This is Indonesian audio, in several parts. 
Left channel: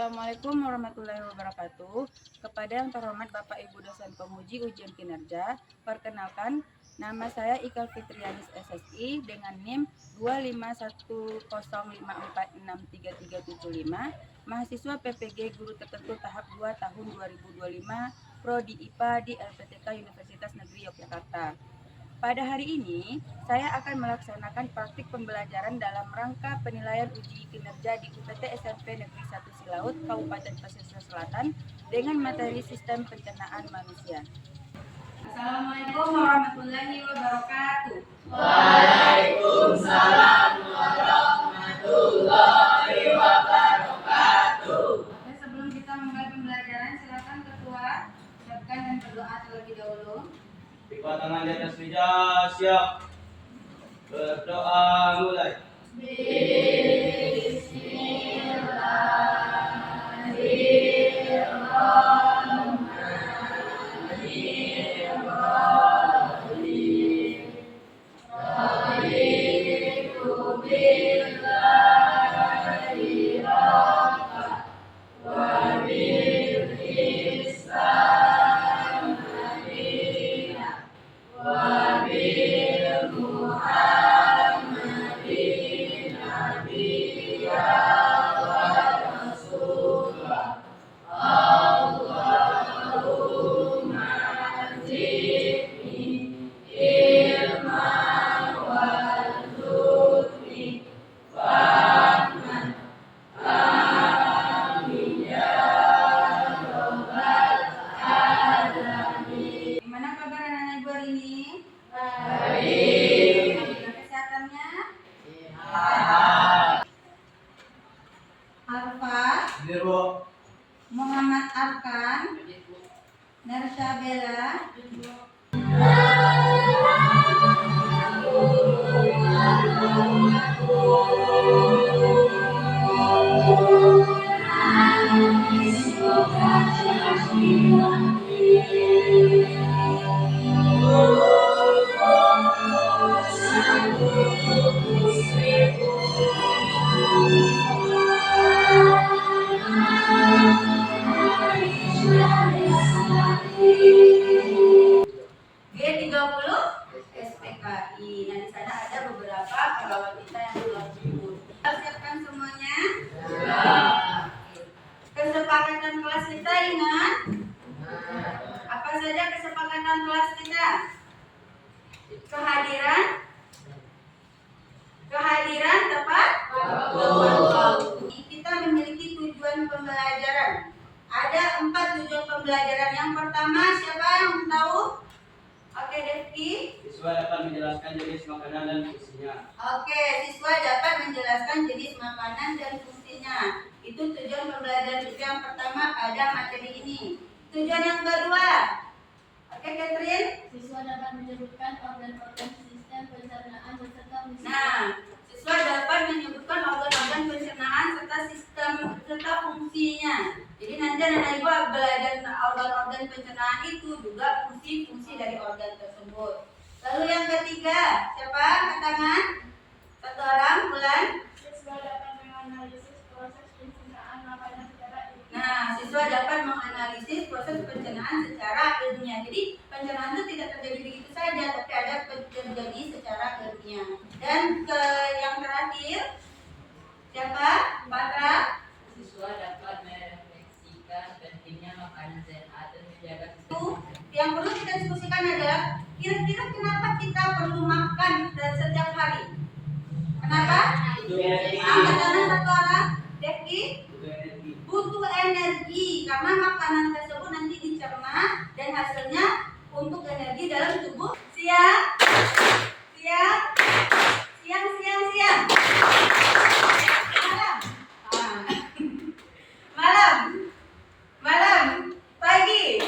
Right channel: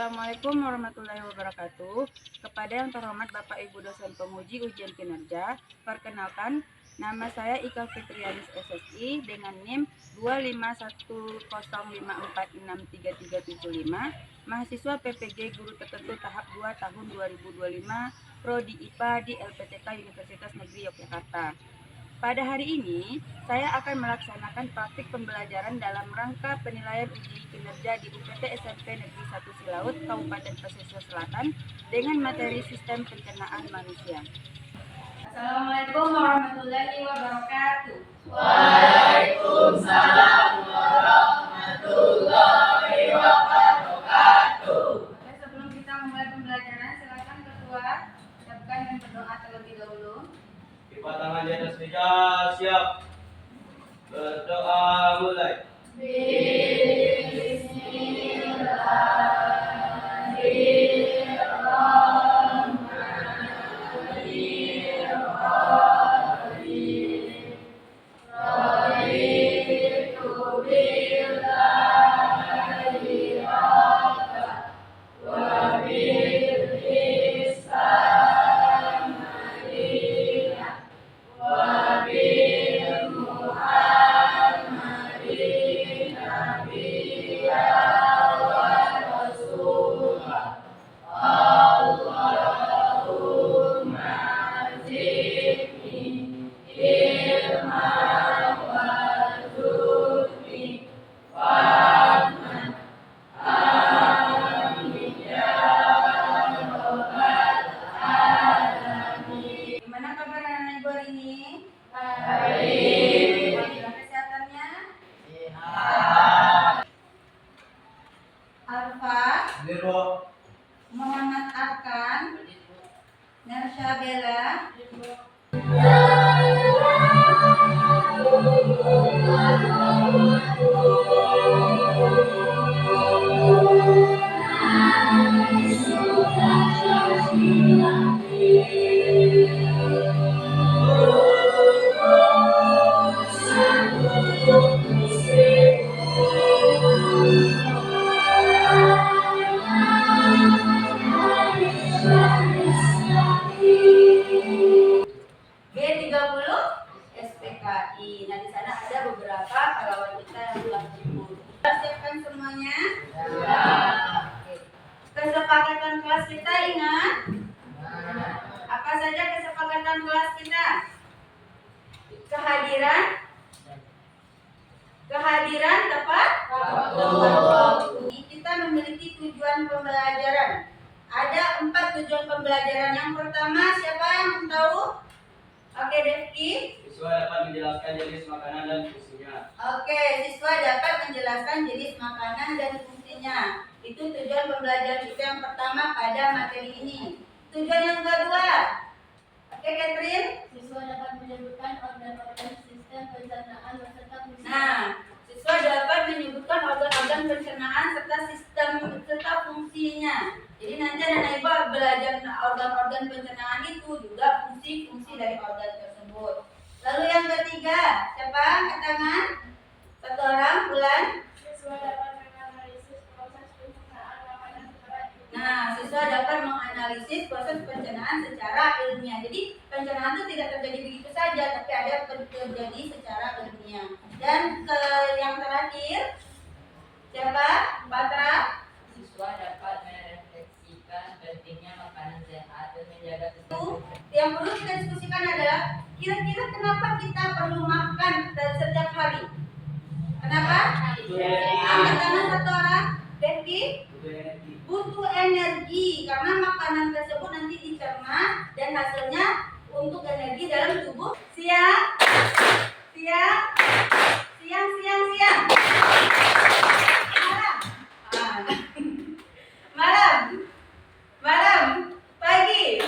Assalamualaikum warahmatullahi wabarakatuh. Kepada yang terhormat Bapak Ibu dosen penguji ujian kinerja, perkenalkan nama saya Ika Fitrianis SSI dengan NIM 25105463375, mahasiswa PPG Guru Tertentu tahap 2 tahun 2025, Prodi IPA di LPTK Universitas Negeri Yogyakarta. Pada hari ini, saya akan melaksanakan praktik pembelajaran dalam rangka penilaian uji kinerja di UPT SMP Negeri 1 Silaut, Kabupaten Pesisir Selatan dengan materi sistem pencernaan manusia. Assalamualaikum warahmatullahi wabarakatuh. Waalaikumsalam warahmatullahi wabarakatuh. Oke, sebelum kita mulai pembelajaran, silakan ketua ucapkan dan berdoa terlebih dahulu. Lipat tangan di atas meja, siap. Berdoa mulai. Gimana kabar anak ibu hari ini? Baik. Alhamdulillah, kesehatannya? Sehat. Alfa, Zero. Muhammad Arkan, Narsha Bella, G30 SPKI. Nah, di sana ada beberapa kawan kita yang telah jemput. Siapkan semuanya? Oke. Kesepakatan kelas kita ingat? Apa saja kesepakatan kelas kita? Kehadiran tepat waktu. Kita memiliki tujuan pembelajaran. Ada 4 tujuan pembelajaran. Yang pertama, siapa yang tahu? Oke, Devki. Siswa dapat menjelaskan jenis makanan dan fungsinya. Oke, siswa dapat menjelaskan jenis makanan dan fungsinya. Itu tujuan pembelajaran kita yang pertama pada materi ini. Tujuan yang kedua. Oke, Catherine. Siswa dapat menyebutkan organ-organ sistem pencernaan beserta fungsi. Nah, siswa dapat menyebutkan organ-organ pencernaan serta fungsinya. Jadi nanti anak ibu belajar organ-organ pencernaan itu juga fungsi-fungsi dari organ tersebut. Lalu yang ketiga, siapa? Angkat tangan. Satu orang, Bulan. Siswa dapat menganalisis proses pencernaan makanan secara ilmiah. Nah, siswa dapat menganalisis proses pencernaan secara ilmiah. Jadi pencernaan itu tidak terjadi begitu saja, tapi ada terjadi secara ilmiah. Dan yang terakhir, siapa? Patra. Siswa dapat merefleksikan pentingnya makanan sehat dan menjaga kesehatan. Yang perlu kita diskusikan adalah kira-kira kenapa kita perlu makan setiap hari? Kenapa? Angkat tangan satu orang. Devki. Butuh energi karena makanan tersebut nanti dicerna dan hasilnya untuk energi dalam tubuh. Siang. Malam. Pagi.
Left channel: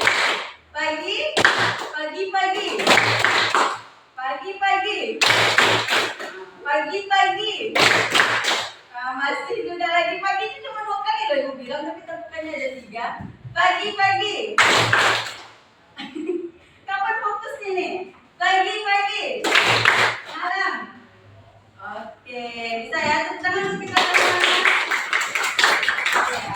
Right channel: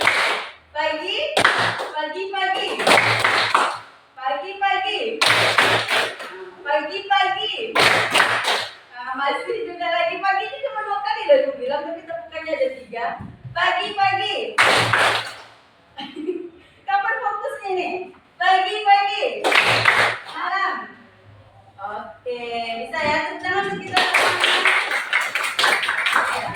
Masih juga lagi pagi ini cuma 2 kali loh ibu bilang, tapi bukannya ada 3. Pagi. Kapan fokusnya nih? Pagi. Malam. Oke, bisa ya. Tepuk tangan untuk kita sama-sama. Oke ya.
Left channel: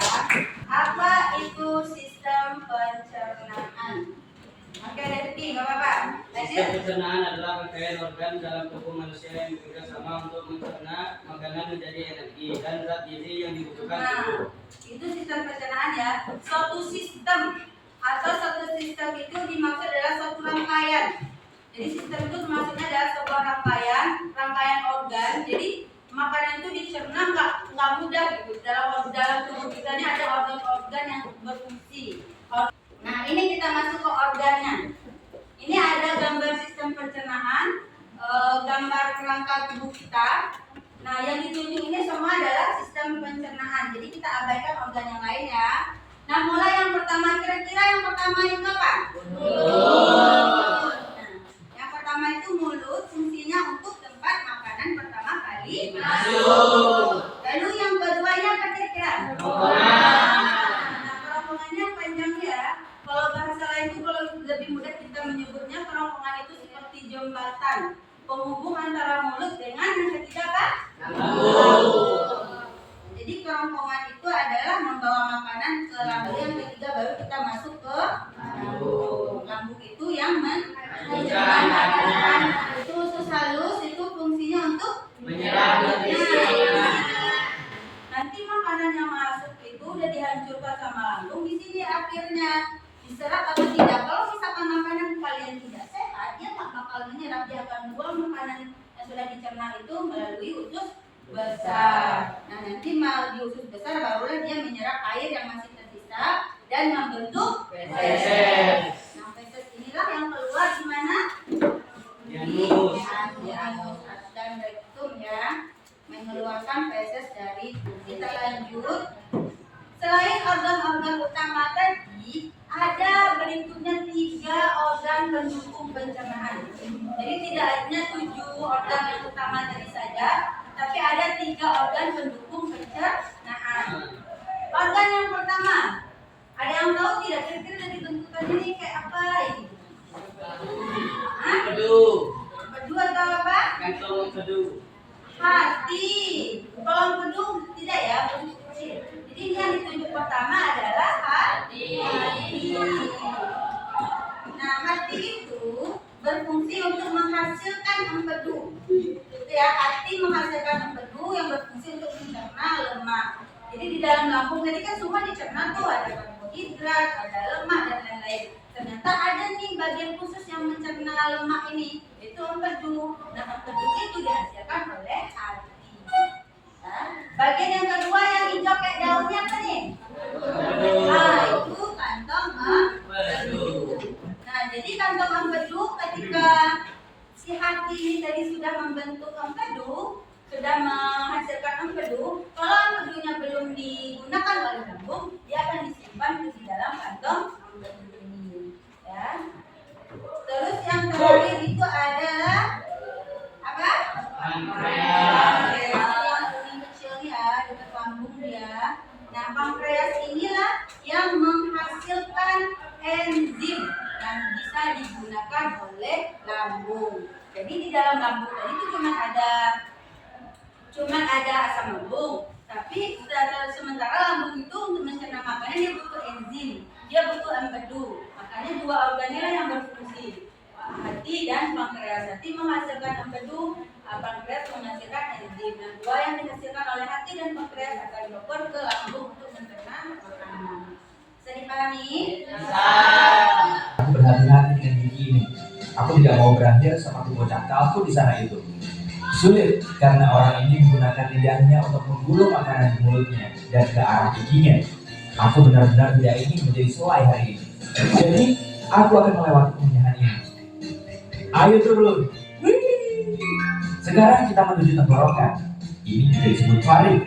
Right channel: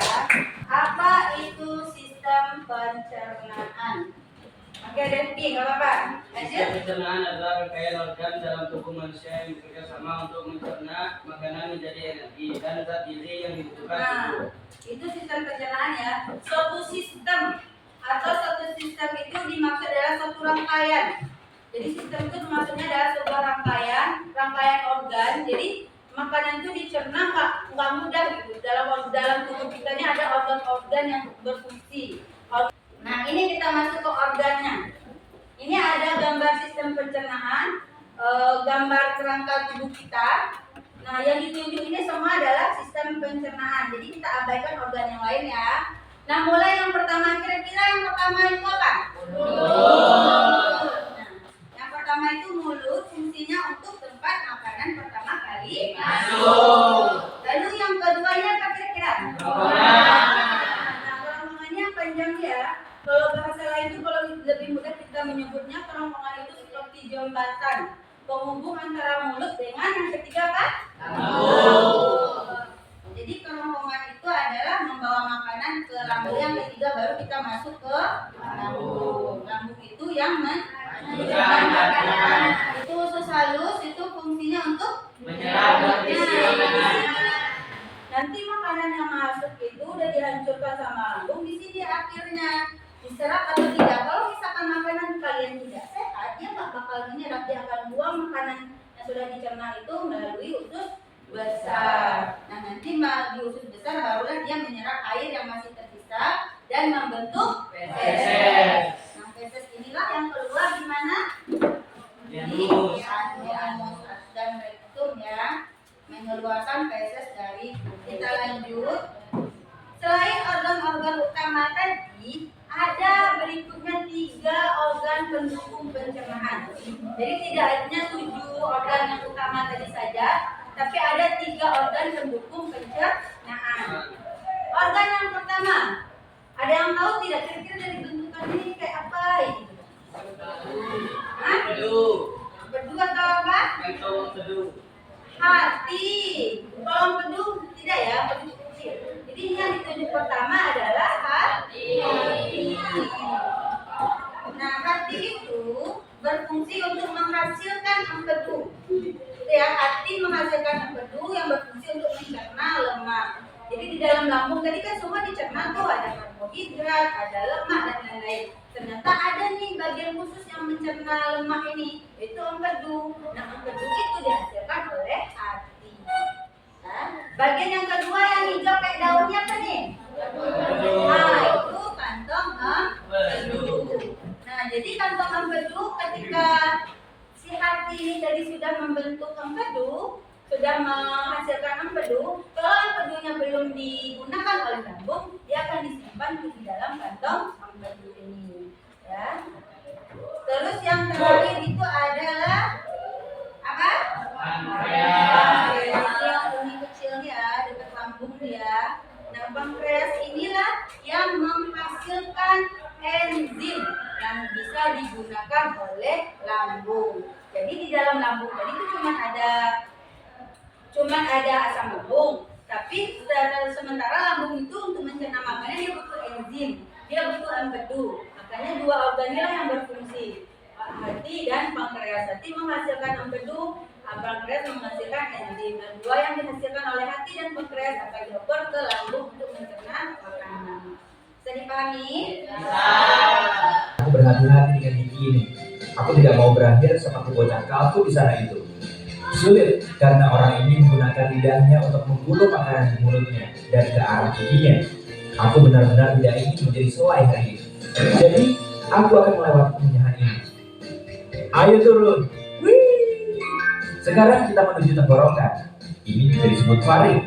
Oke, ada B, nggak apa-apa. Sistem Lanjut. pencernaan adalah rangkaian organ dalam tubuh manusia yang bekerja sama untuk mencerna makanan menjadi energi dan zat gizi yang dibutuhkan Nah, tubuh. itu sistem pencernaan ya. Suatu sistem atau satu sistem itu dimaksud adalah suatu rangkaian. Jadi sistem itu maksudnya adalah sebuah rangkaian organ. Jadi makanan itu dicerna nggak mudah gitu. Dalam tubuh kita ini ada organ-organ yang berfungsi. Nah, ini kita masuk ke organnya. Ini ada gambar sistem pencernaan, gambar kerangka tubuh kita. Nah, yang ditunjuk ini semua adalah sistem pencernaan. Jadi kita abaikan organ yang lain ya. Nah, mulai yang pertama, kira-kira yang pertama itu apa? Mulut. Nah, yang pertama itu mulut, fungsinya untuk tempat makanan pertama kali masuk. Lalu yang keduanya apa kira-kira? Nah, kerongkongannya panjang ya. Kalau bahasa lain itu kalau lebih mudah kita menyebutnya kerongkongan itu seperti jembatan penghubung antara mulut dengan yang ketiga apa? Lambung. Jadi kerongkongan itu adalah membawa makanan ke lambung, yang ketiga baru kita masuk ke lambung. Lambung itu yang mencerna makanan. Itu usus halus, itu fungsinya untuk Menyerap nutrisi. nanti makanan yang masuk itu udah dihancurkan sama lambung, di sini akhirnya diserap atau tidak. Kalau misalkan makanan kalian tidak sehat, dia nggak bakal menyerap, dia akan buang makanan yang sudah dicerna itu melalui usus besar. Nah, nanti di usus besar barulah dia menyerap air yang masih tersisa dan membentuk feses. Nah, feses inilah yang keluar di mana? Di anus dan rektum ya, mengeluarkan feses dari tubuh. Kita lanjut. Selain organ-organ utama tadi, ada berikutnya 3 organ pendukung pencernaan. Jadi tidak hanya 7 organ yang utama tadi saja, tapi ada 3 organ pendukung pencernaan. Organ yang pertama, ada yang tahu tidak kira-kira dari bentukan ini kayak apa ini? Hah? Empedu. Empedu atau apa? Kantong empedu. Hati. Kalau empedu tidak ya, empedu kecil. Jadi yang ditunjuk pertama adalah hati. Nah, hati itu berfungsi untuk menghasilkan empedu. Itu ya, hati menghasilkan empedu yang berfungsi untuk mencerna lemak. Jadi di dalam lambung tadi kan semua dicerna tuh, ada karbohidrat, ada lemak dan lain-lain. Ternyata ada nih bagian khusus yang mencerna lemak ini, yaitu empedu. Nah, empedu itu dihasilkan oleh hati. Nah, bagian yang kedua yang hijau kayak daunnya apa nih? Nah, itu kantong empedu. Nah, jadi kantong empedu ketika si hati ini tadi sudah membentuk empedu, sudah menghasilkan empedu, kalau empedunya belum digunakan oleh lambung, dia akan disimpan di dalam kantong empedu ini. Ya. Terus yang terakhir itu adalah apa? Pankreas. Yang ini kecilnya dekat lambung dia. Nah, pankreas inilah yang menghasilkan enzim yang bisa digunakan oleh lambung. Jadi di dalam lambung tadi itu cuma ada asam lambung, tapi sementara lambung itu untuk mencerna makanan dia butuh enzim, dia butuh empedu. Makanya 2 organ inilah yang berfungsi, hati dan pankreas. Hati menghasilkan empedu, pankreas menghasilkan enzim, dan 2 yang dihasilkan oleh hati dan pankreas akan dioper ke lambung untuk mencerna makanan. Bisa dipahami? Aku berhati-hati dengan gigi ini. Aku tidak mau berakhir seperti bocah kalku di sana itu. Sulit karena orang ini menggunakan lidahnya untuk menggulung makanan di mulutnya dan ke arah giginya. Aku benar-benar tidak ingin menjadi selai hari ini. Jadi, aku akan melewati kemenyahan ini. Ayo turun. Wih. Sekarang kita menuju tenggorokan. Ini juga disebut faring.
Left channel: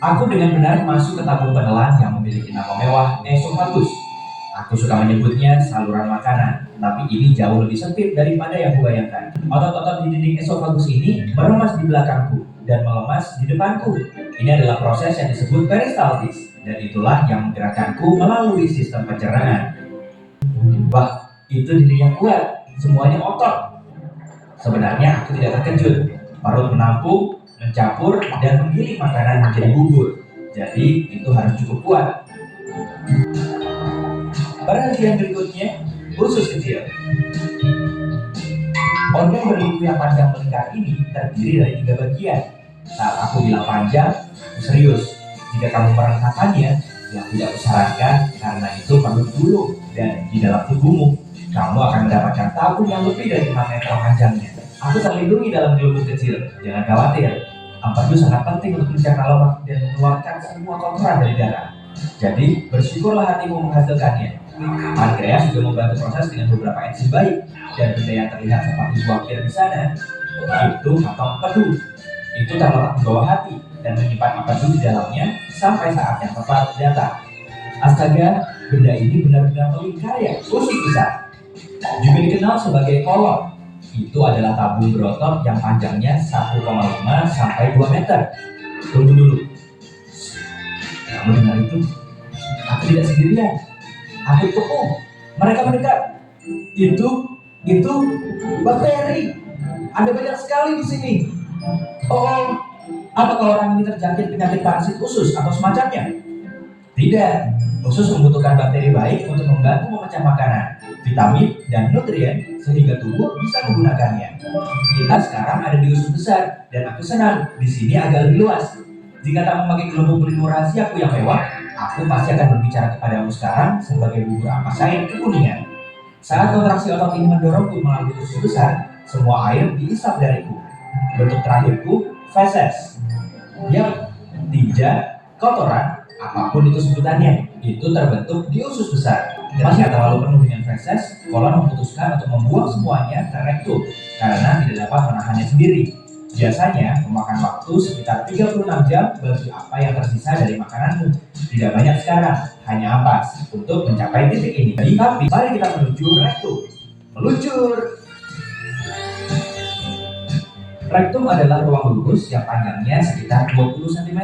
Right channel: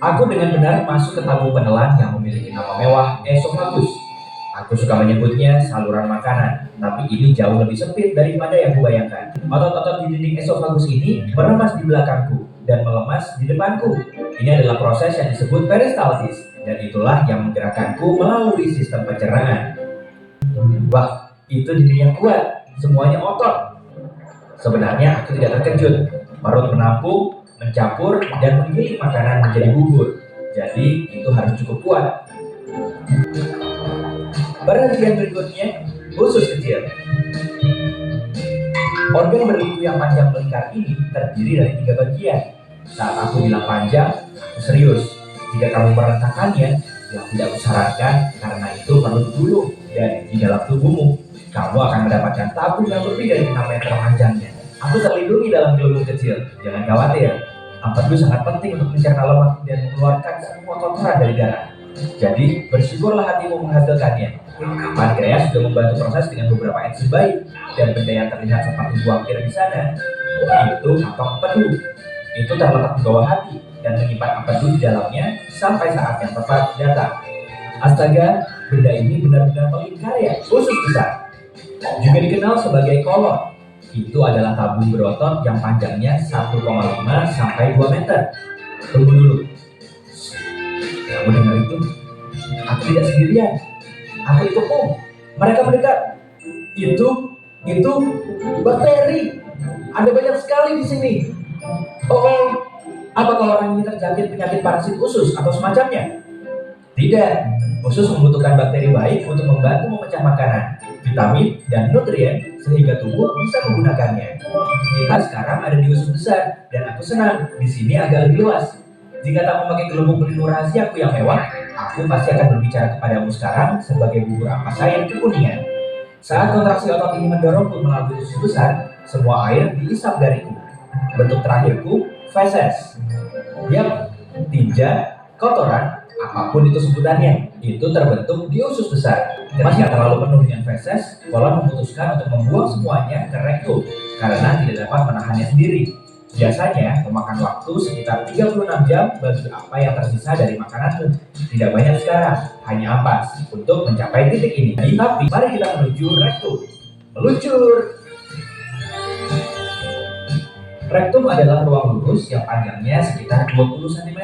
Aku dengan benar masuk ke tabung penelan yang memiliki nama mewah esofagus. Aku suka menyebutnya saluran makanan, tapi ini jauh lebih sempit daripada yang kubayangkan. Otot-otot di dinding esofagus ini meremas di belakangku dan melemas di depanku. Ini adalah proses yang disebut peristaltis, dan itulah yang menggerakkanku melalui sistem pencernaan. Wah, itu dinding yang kuat, semuanya otot. Sebenarnya aku tidak terkejut. Perut menampung, mencampur, dan menggiling makanan menjadi bubur. Jadi itu harus cukup kuat. Perhatian berikutnya, usus kecil. Organ berliku yang panjang melingkar ini terdiri dari 3 bagian. Saat aku bilang panjang, aku serius. Jika kamu merasakannya, yang tidak kusarankan karena itu perlu digulung dan di dalam tubuhmu kamu akan mendapatkan tabung yang lebih dari 6 meter panjangnya. Aku terlindungi dalam gelembung kecil. Jangan khawatir. Empedu sangat penting untuk mencerna lemak dan mengeluarkan semua kotoran dari darah. Jadi bersyukurlah hatimu menghasilkannya. Pankreas juga membantu proses dengan beberapa enzim baik dan benda yang terlihat seperti buah pir di sana. Itu kantong empedu. Itu terletak di bawah hati dan menyimpan empedu di dalamnya sampai saat yang tepat datang. Astaga, benda ini benar-benar melingkar ya, usus besar. Juga dikenal sebagai kolon. Itu adalah tabung berotot yang panjangnya 1,5 sampai 2 meter. Tunggu dulu. Kamu dengar itu? Aku tidak sendirian. Aku dikepung. Mereka mendekat. Itu bakteri. Ada banyak sekali di sini. Oh, apakah orang ini terjangkit penyakit parasit usus atau semacamnya? Tidak. Usus membutuhkan bakteri baik untuk membantu memecah makanan, vitamin, dan nutrien sehingga tubuh bisa menggunakannya. Kita sekarang ada di usus besar dan aku senang di sini agak lebih luas. Jika tak memakai gelembung pelindung rahasiaku yang mewah, aku pasti akan berbicara kepadamu sekarang sebagai bubur ampas air kekuningan. Saat kontraksi otot ini mendorongku melalui usus besar, semua air diisap dariku. Bentuk terakhirku, feses. Yap, tinja, kotoran, apapun itu sebutannya, itu terbentuk di usus besar. Ketika terlalu penuh dengan feses, kolon memutuskan untuk membuang semuanya ke rektum karena tidak dapat menahannya sendiri. Biasanya memakan waktu sekitar 36 jam bagi apa yang tersisa dari makananmu. Tidak banyak sekarang, hanya ampas untuk mencapai titik ini. Tapi mari kita menuju rektum. Meluncur! Rektum adalah ruang lurus yang panjangnya sekitar 20 cm.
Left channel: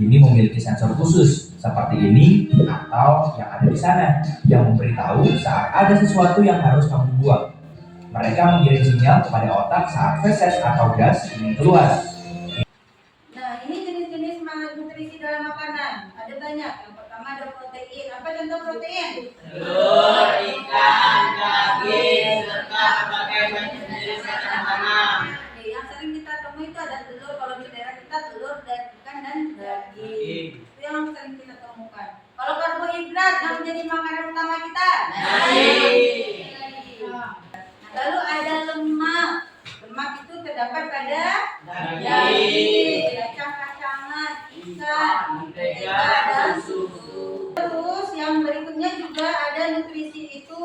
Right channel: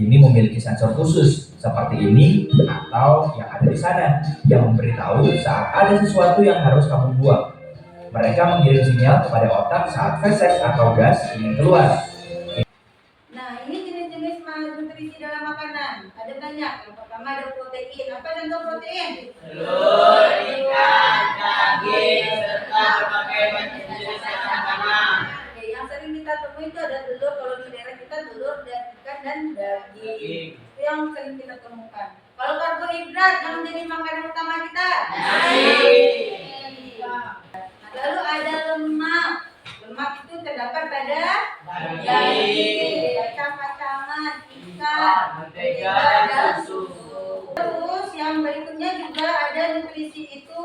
Ini memiliki sensor khusus seperti ini atau yang ada di sana yang memberitahu saat ada sesuatu yang harus kamu buang. Mereka mengirim sinyal kepada otak saat feses atau gas ingin keluar. Nah, ini jenis-jenis nutrisi dalam makanan. Ada banyak. Yang pertama ada protein. Apa contoh protein? Telur, ikan, daging, serta berbagai macam jenis makanan. Yang sering kita temui itu ada telur. Kalau di daerah kita telur dan ikan dan daging. Itu yang sering kita temukan. Kalau karbohidrat yang menjadi makanan utama kita, Nasi. Lalu ada lemak. Lemak itu terdapat pada Daging, kacang-kacangan, ikan, mentega, dan susu. Terus yang berikutnya juga ada nutrisi itu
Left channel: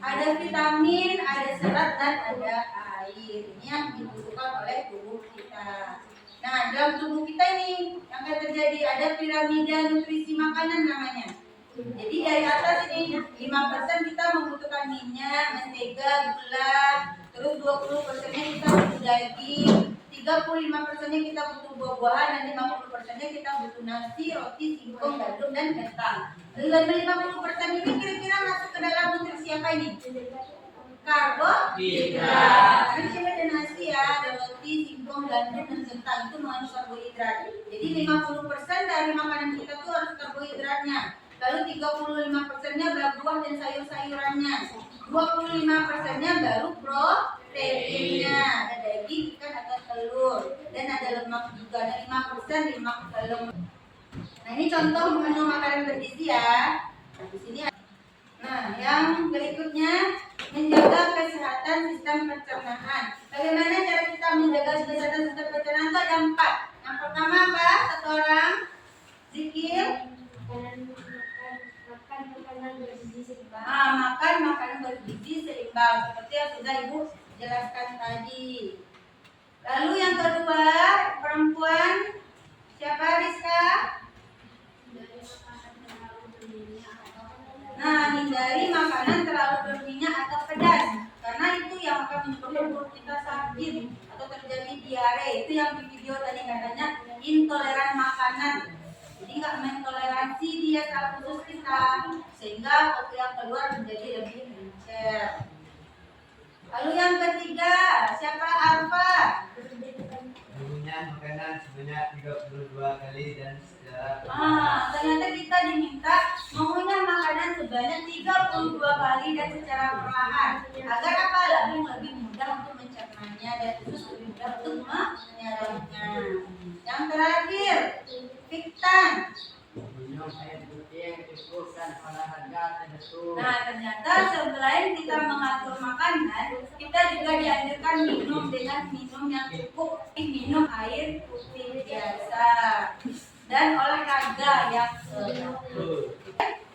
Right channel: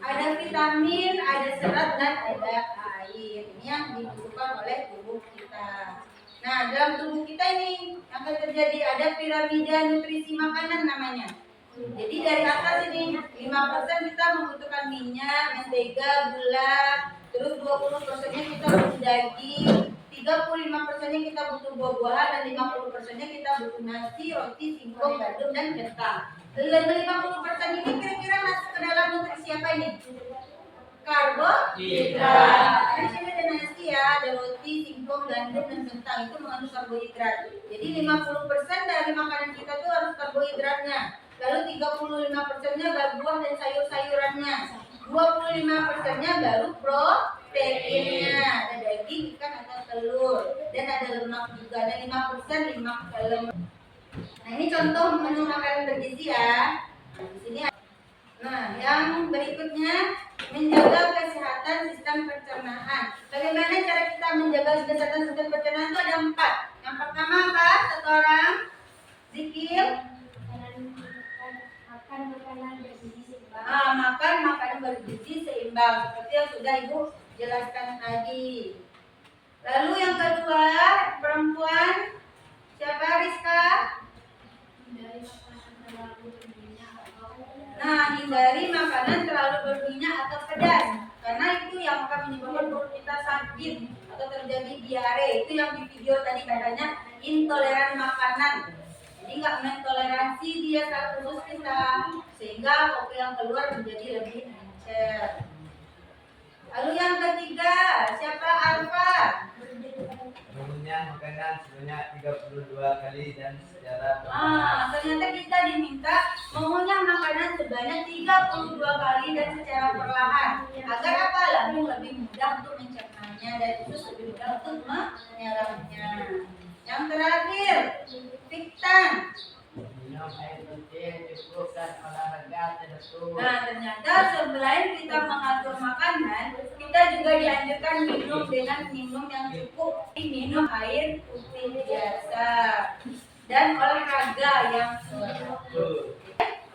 ada vitamin, ada serat dan ada air. Ini yang dibutuhkan oleh tubuh kita. Nah, dalam tubuh kita ini yang akan terjadi ada piramida nutrisi makanan namanya. Jadi dari atas ini 5% kita membutuhkan minyak, mentega, gula, terus 20%-nya kita butuh daging, 35%-nya kita butuh buah-buahan, dan 50%-nya kita butuh nasi, roti, singkong, gandum, dan kentang. Dan 50% ini kira-kira masuk ke dalam nutrisi apa ini? Karbohidrat. Karena sini ada nasi ya, ada roti, singkong, gandum, dan kentang, itu mengandung karbohidrat. Jadi 50% dari makanan kita tuh harus karbohidratnya. Lalu 35%-nya buah dan sayur-sayurannya. 25%-nya baru proteinnya. Ada daging, ikan, atau telur. Dan ada lemak juga. Ada 5% lemak. Nah, ini contoh menu makanan bergizi ya. Di sini. Nah, yang berikutnya menjaga kesehatan sistem pencernaan. Bagaimana cara kita menjaga kesehatan sistem pencernaan itu ada 4. Yang pertama apa? Satu orang zikir. Makan makanan bergizi seimbang seperti yang sudah Ibu jelaskan tadi. Lalu yang kedua, perempuan siapa Rizka? Hindari makanan terlalu berminyak atau pedas karena itu yang akan menyebabkan perut kita sakit atau terjadi diare. Itu yang di video tadi katanya intoleran makanan. Jadi nggak mentoleransi dia secara khusus kita sehingga kopi yang keluar menjadi lebih encer. Lalu yang ketiga siapa Arfa? mengunyah makanan sebanyak 32 kali dan secara Ternyata kita diminta mengunyah makanan sebanyak 32 kali dan secara perlahan. Agar apa? Lambung lebih mudah untuk mencernanya dan usus lebih mudah untuk menyerapnya. Yang terakhir, Fiktan. Minum air putih yang cukup dan olahraga teratur. Nah, ternyata selain kita mengatur makanan, kita juga dianjurkan minum yang cukup. Minum air putih biasa dan olahraga yang teratur.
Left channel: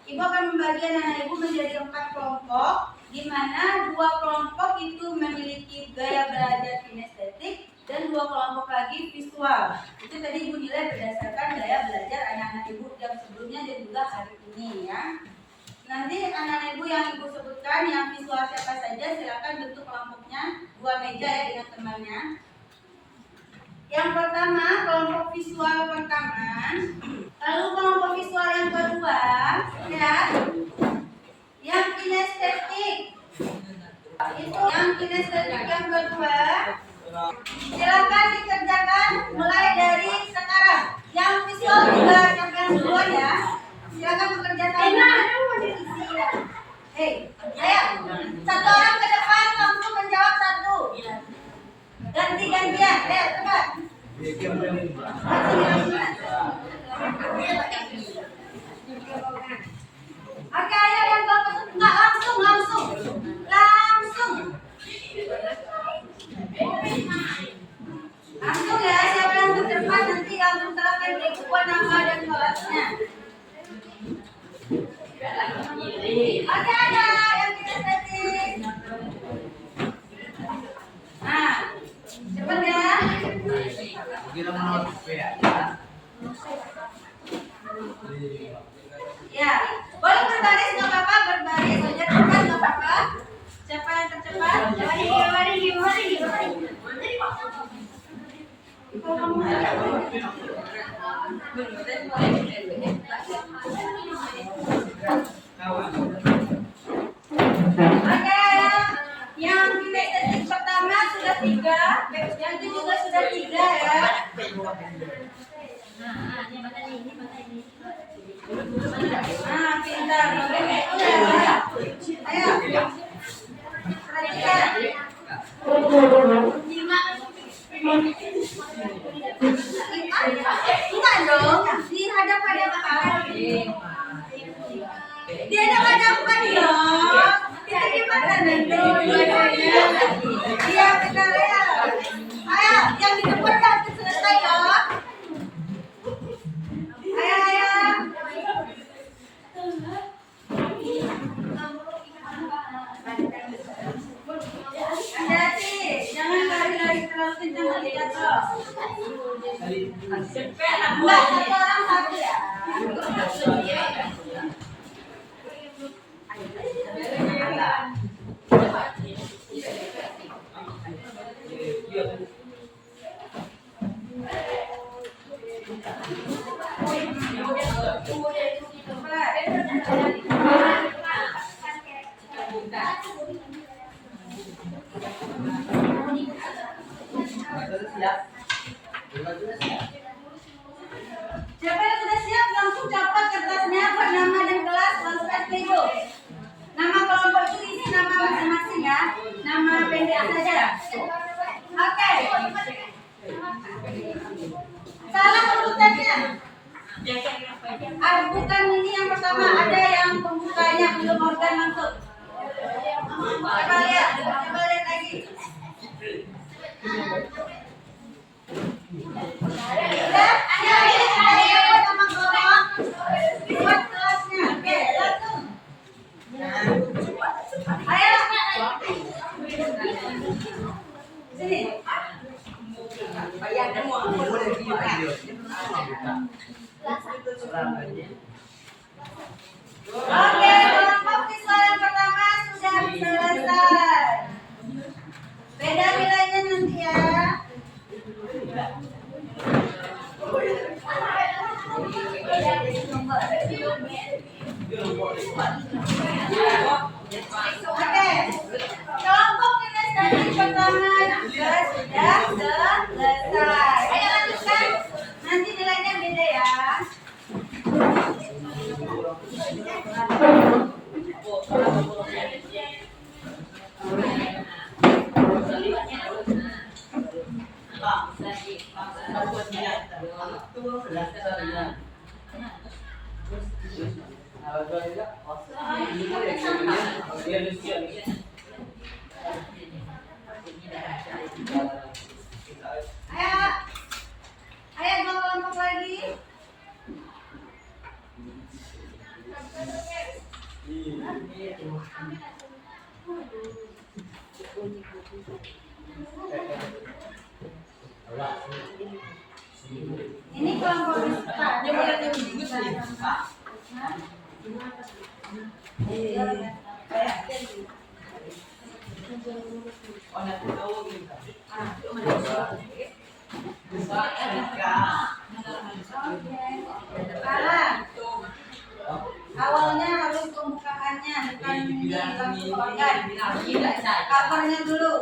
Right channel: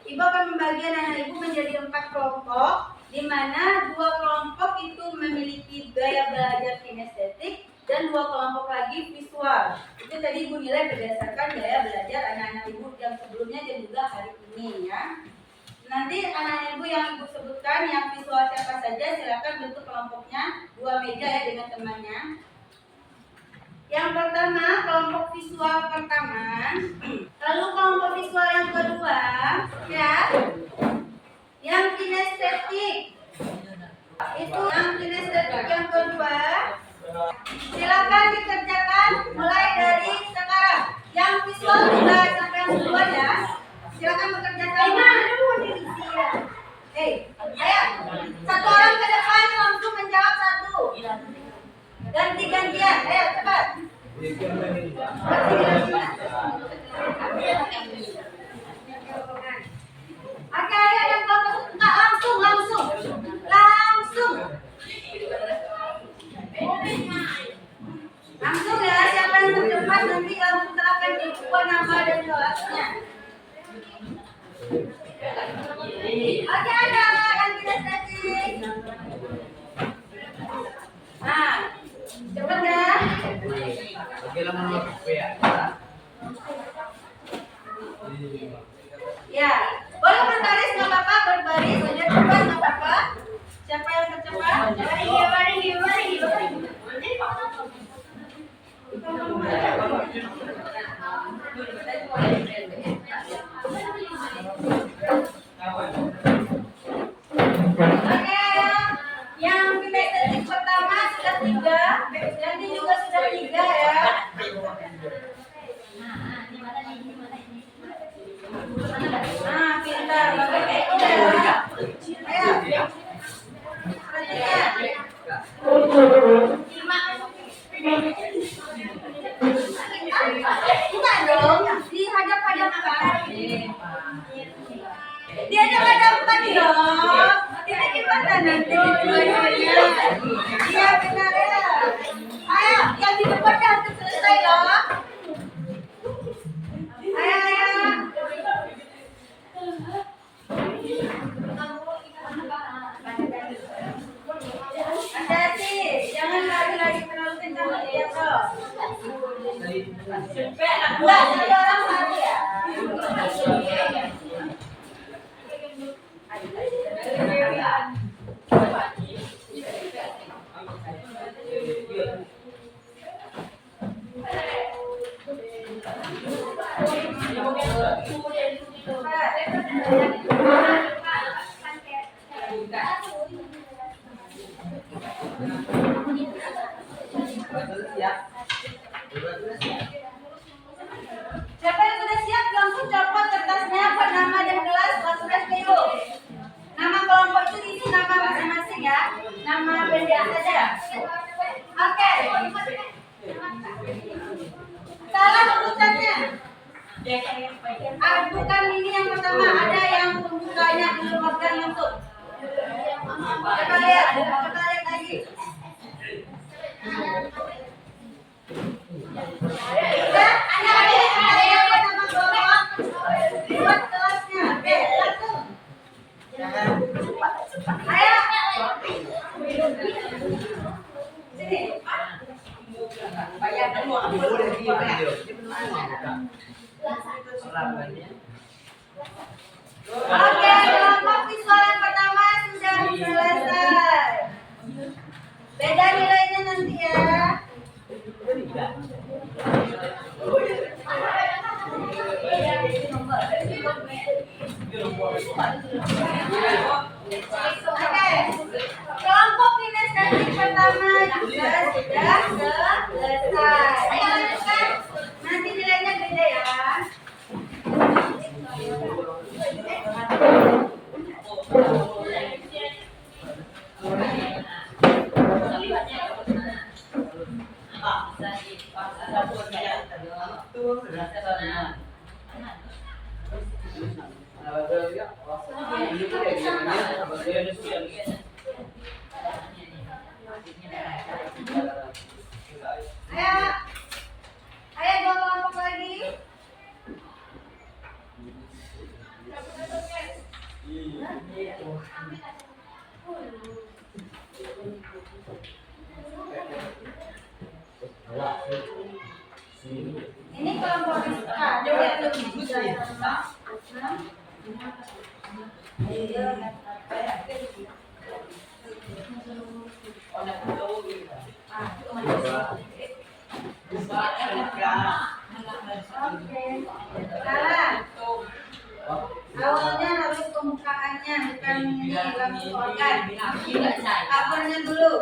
Ibu akan membagi anak ibu menjadi 4 kelompok, di mana 2 kelompok itu memiliki gaya belajar kinestetik dan 2 kelompok lagi visual. Itu tadi ibu nilai berdasarkan gaya belajar anak-anak ibu yang sebelumnya dan juga hari ini ya. Nanti anak-anak ibu yang ibu sebutkan yang visual siapa saja silakan bentuk kelompoknya 2 meja ya dengan temannya. Yang pertama kelompok visual pertama, lalu kelompok visual yang kedua ya, yang kinestetik. Itu yang kinestetik yang kedua. Silakan dikerjakan mulai dari sekarang. Yang visual juga siapa yang duluan ya? Silakan bekerja sama. Ayo, satu orang ke depan langsung menjawab satu. Ganti-gantian, ayo cepat. Oke, ayo yang enggak langsung. Langsung ya, siapa yang terdepan nanti langsung akan dibuat nama dan kelasnya. Oke, ada yang kita setting. Nah, cepat ya. Oke, lah menurut ya. Ya, boleh berbaris nggak apa-apa, berbaris aja cepat nggak apa-apa. Siapa yang tercepat? Mari. Oke, yang kinestetik pertama sudah 3, yang itu juga sudah 3 ya. Nah, pintar. Ayo. Perhatikan. 5. Bukan dong, dihadap-hadapkan. Dihadap-hadapkan dong. Ini gimana nanti? Iya benar ya. Ayo, yang di depan harus selesai loh. Ayo. Hati-hati, jangan lari-lari terlalu kencang nanti jatuh. Enggak, satu orang satu ya. Siapa yang sudah siap langsung catat kertasnya buat nama dan kelas langsung SPU. Nama kelompok itu diisi nama masing-masing ya. Nama pendek saja. Oke. Salah urutannya. Bukan ini yang pertama, ada yang pembukanya belum organ langsung. Coba lihat lagi. Udah, ada yang buat nama kelompok buat kelasnya. Oke, langsung. Ayo. Sini. Bayangkan mau apa? Oke, kelompok visual yang pertama sudah selesai. Beda nilainya nanti ya. Oke, kelompok kinestetik pertama juga sudah selesai. lagi paksa buatnya tuh laksana. Ayo, ayo dua kelompok lagi. Ini kelompok Rizka. Coba Oke. Sekarang awalnya harus pembukaannya, bukan ini langsung organ. Covernya dulu.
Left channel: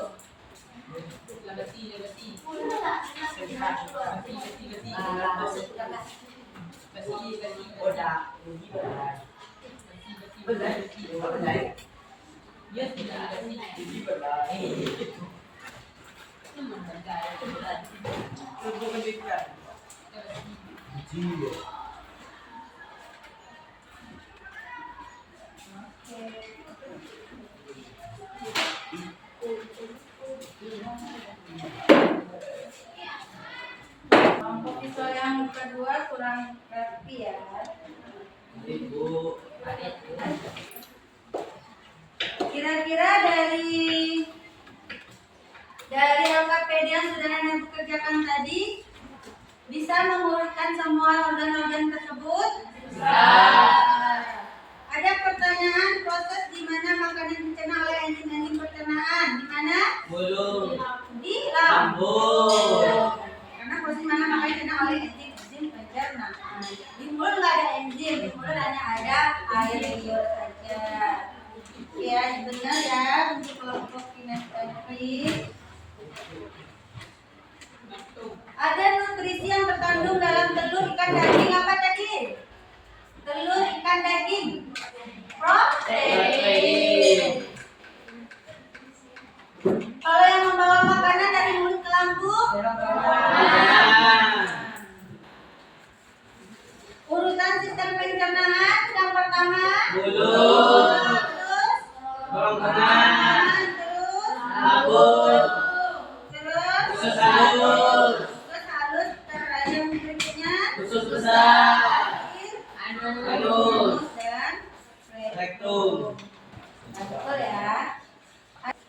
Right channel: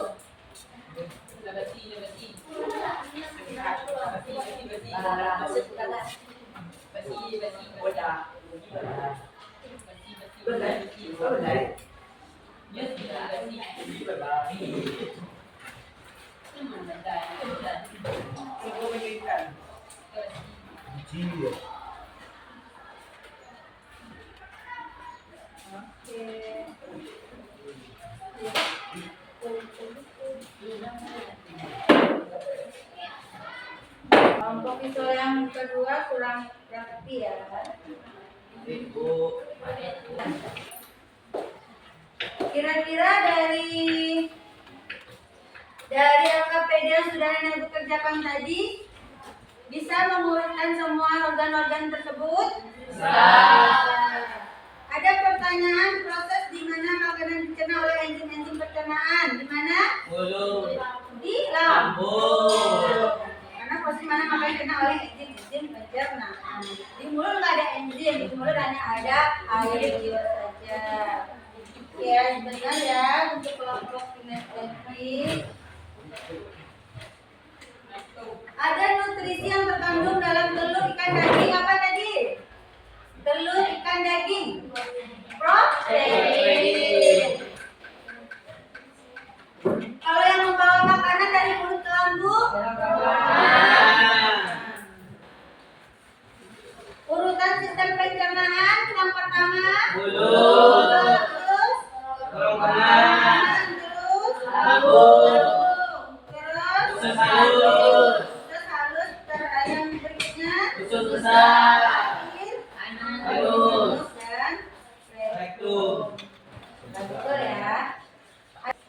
Kelompok visual yang kedua kurang rapi ya. Kira-kira dari LKPD yang sudah Anda bekerjakan tadi bisa mengurutkan semua organ-organ tersebut? Ada pertanyaan proses di mana makanan dicerna oleh enzim-enzim pencernaan? Di mana? Mulut. Di lambung. Lambung. Karena posisi mana makanan dicerna oleh enzim-enzim pencernaan. Di mulut nggak ada enzim, di mulut hanya ada air liur saja. Ya, benar ya untuk kelompok kinestetik. Ada nutrisi yang terkandung dalam telur, ikan, daging apa tadi? Telur, ikan, daging. Protein. Kalau yang membawa makanan dari mulut ke lambung, urutan sistem pencernaan yang pertama, Mulut. terus Kerongkongan. terus Lambung. terus Usus halus. terus halus, yang berikutnya Usus besar. anus dan Rektum. betul ya.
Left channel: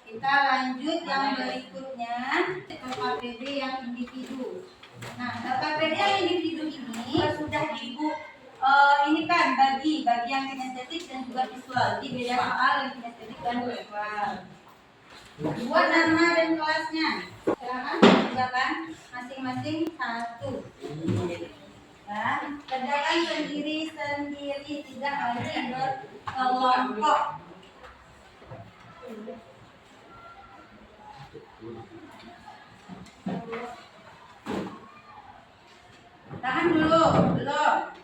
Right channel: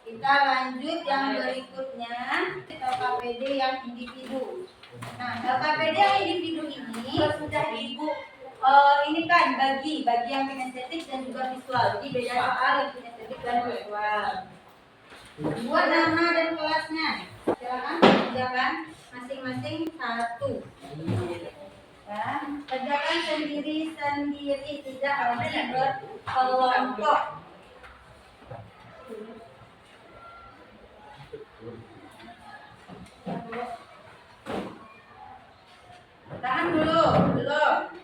Kita lanjut yang berikutnya, LKPD yang individu. Nah, LKPD yang individu ini sudah ibu ini kan bagi yang kinestetik dan juga visual. Jadi beda soal yang kinestetik dan visual. Buat nama dan kelasnya. Silakan kerjakan masing-masing satu. Ya, kerjakan sendiri-sendiri, tidak lagi berkelompok. Tahan dulu, belum.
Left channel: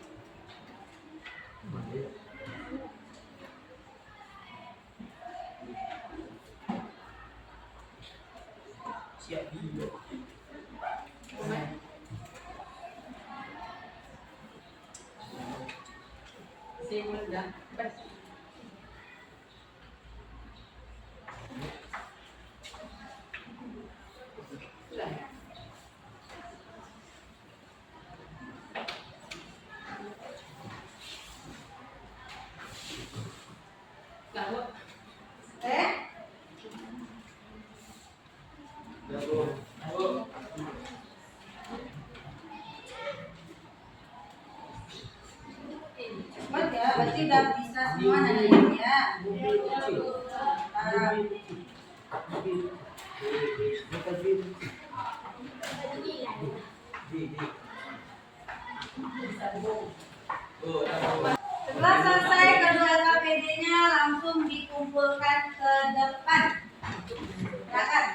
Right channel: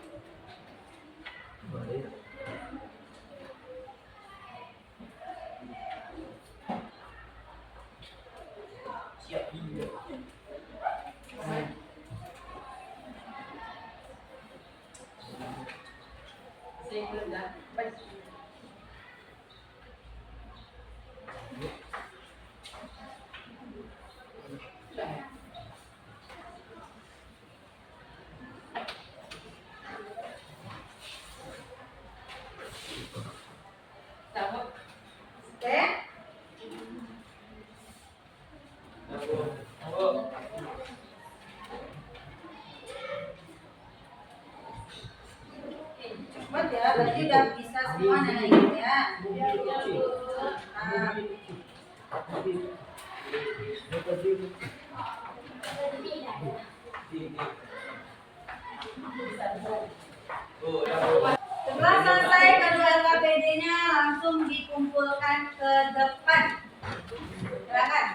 Oke? Cepat ya, berarti udah bisa semua nanyain ya. Setelah selesai kedua LKPD-nya langsung dikumpulkan ke depan. Silakan.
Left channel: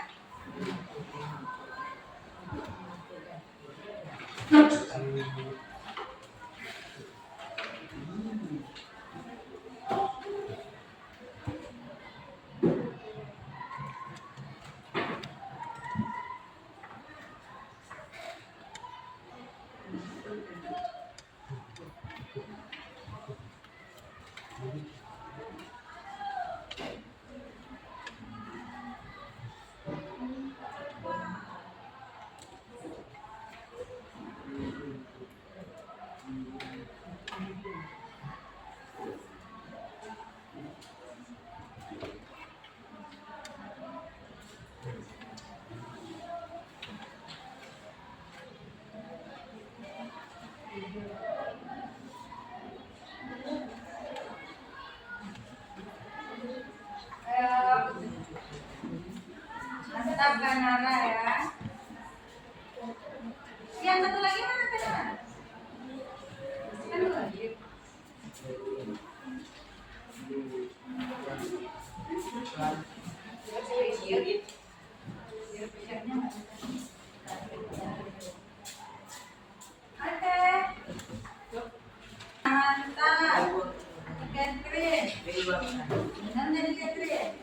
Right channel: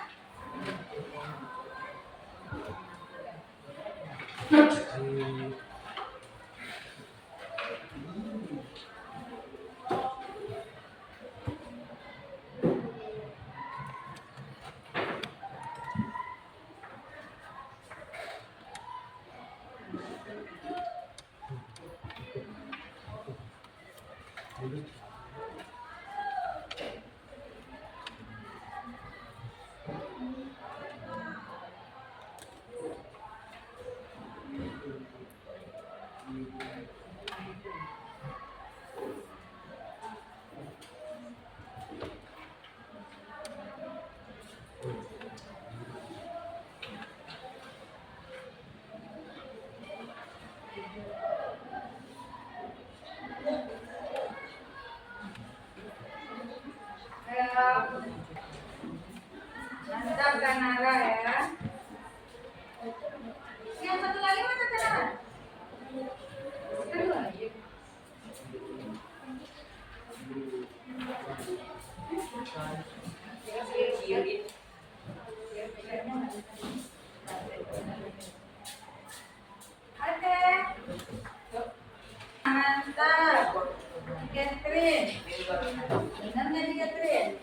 Benar dari Catherine?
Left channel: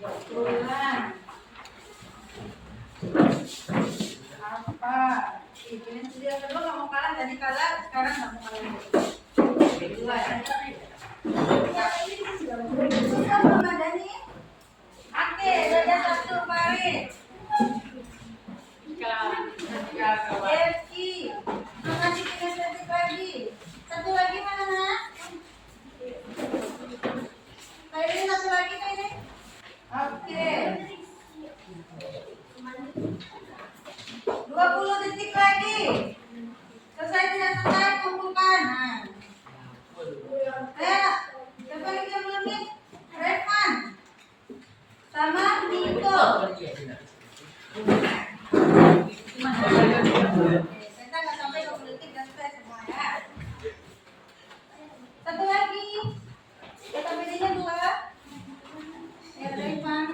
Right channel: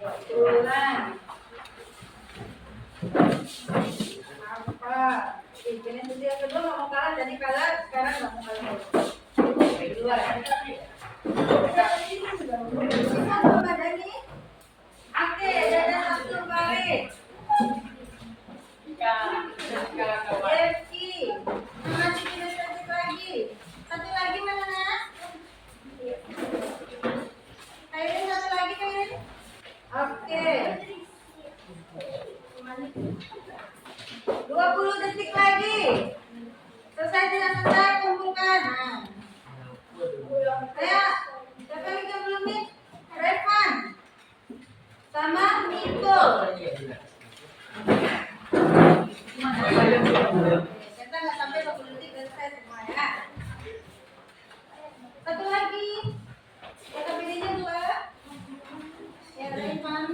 Betulan. Apa? Ini tuh dia kedua nggak mau kalah, jadi kalah. Sekarang nggak mau kalah. Kedua. Satu Madani. Oke, ada satu Farid. Devki. Masih 3 cantik lagi. Satu lagi mana nak? Kairin satu lagi Kairin. Oke. 20 detik lagi. Selesai tidak selesai kumpulkan. Nah. Saya siapa lagi yang belum nih? Revan sama Niko. Kita nggak sampai 20 detik selesai semua ya. Satu lagi. Kata bedanya 2. Ya Revan.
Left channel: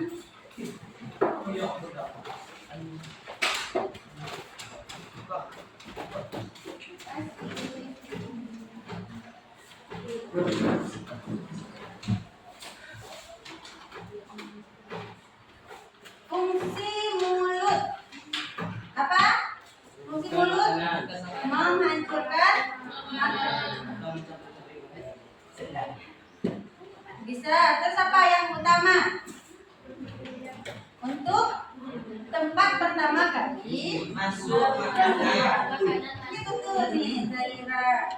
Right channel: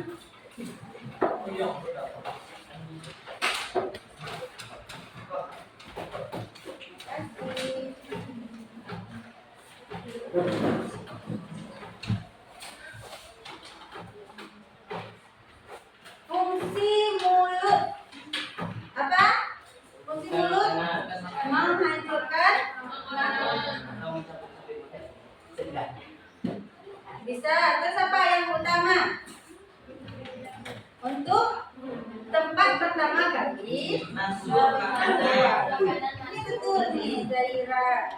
Fungsi mulut apa? Fungsi mulut menghancurkan makanan. Bisa. Terus apa yang utama? Untuk tempat pertama kali Masuk makanan. ini betul nih Zaira.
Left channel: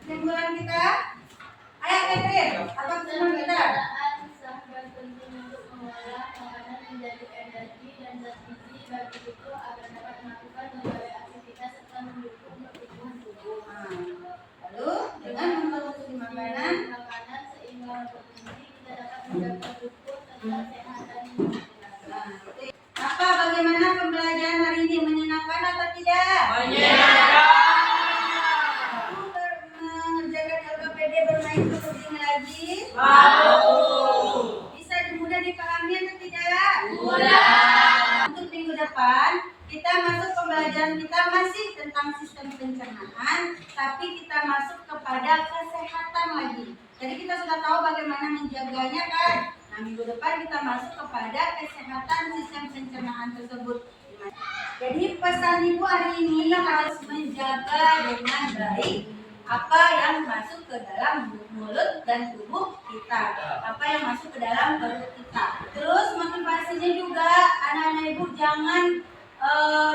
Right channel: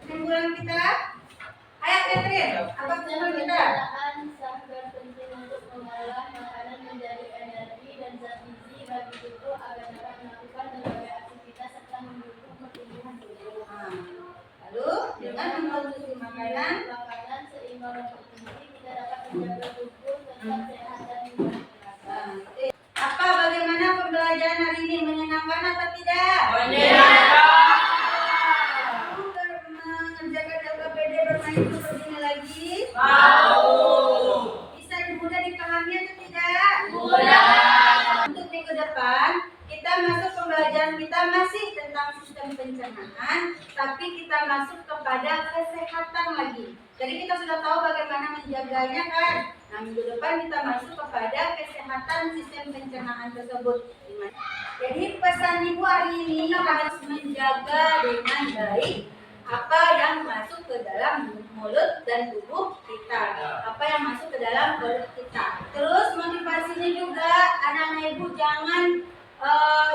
Kesimpulan kita, ayo Catherine, apa kesimpulan kita? Sangat penting untuk mengolah makanan menjadi energi dan zat gizi bagi tubuh agar dapat melakukan berbagai aktivitas serta mendukung pertumbuhan tubuh. Lalu dengan mengkonsumsi makanan Seimbang bergizi, kita dapat menjaga tubuh tetap sehat dan menyenangkan. apa bagaimana pembelajaran hari ini, menyenangkan atau tidak? Mengerjakan LKPD bermain seperti ini lagi? Bisa mudah dipahami atau tidak? Untuk minggu depan kita masuk pembelajaran kita masih tentang sistem pencernaan, tapi kita masuk kepada kesehatan lagi. Jadi kita sudah tahu bagaimana menjaganya kan? Nah minggu depan kita masuk kepada kesehatan sistem pencernaan tersebut. Jadi pesan ibu hari ini harus menjaga dengan baik apa yang masuk ke dalam mulut dan tubuh kita, apa yang masuk ke dalam perut kita. Terus motivasinya juga anak-anak ibu jangan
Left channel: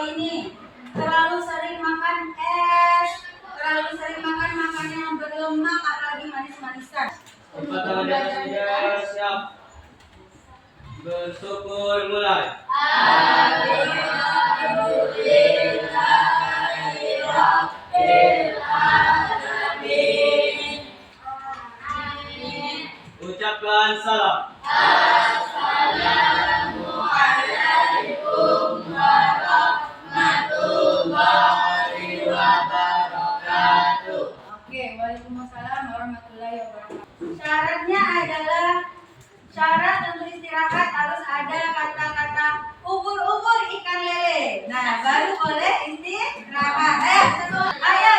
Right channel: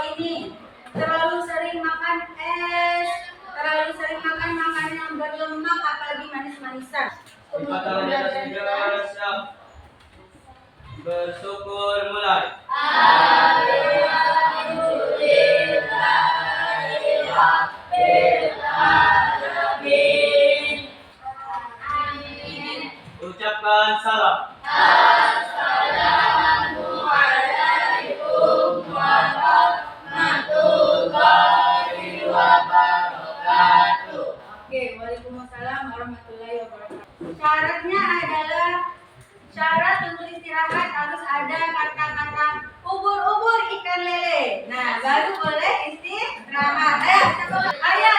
ini terlalu sering makan es, terlalu sering makan makanan yang berlemak, apalagi manis-manisan. Pembelajaran kita siap. Bersyukur mulai. Ucapkan salam. Oke, waalaikumsalam warahmatullahi wabarakatuh. Syaratnya adalah syarat untuk istirahat harus ada kata-kata ubur-ubur ikan lele. Nah, baru boleh istirahat. Ayo, ayo.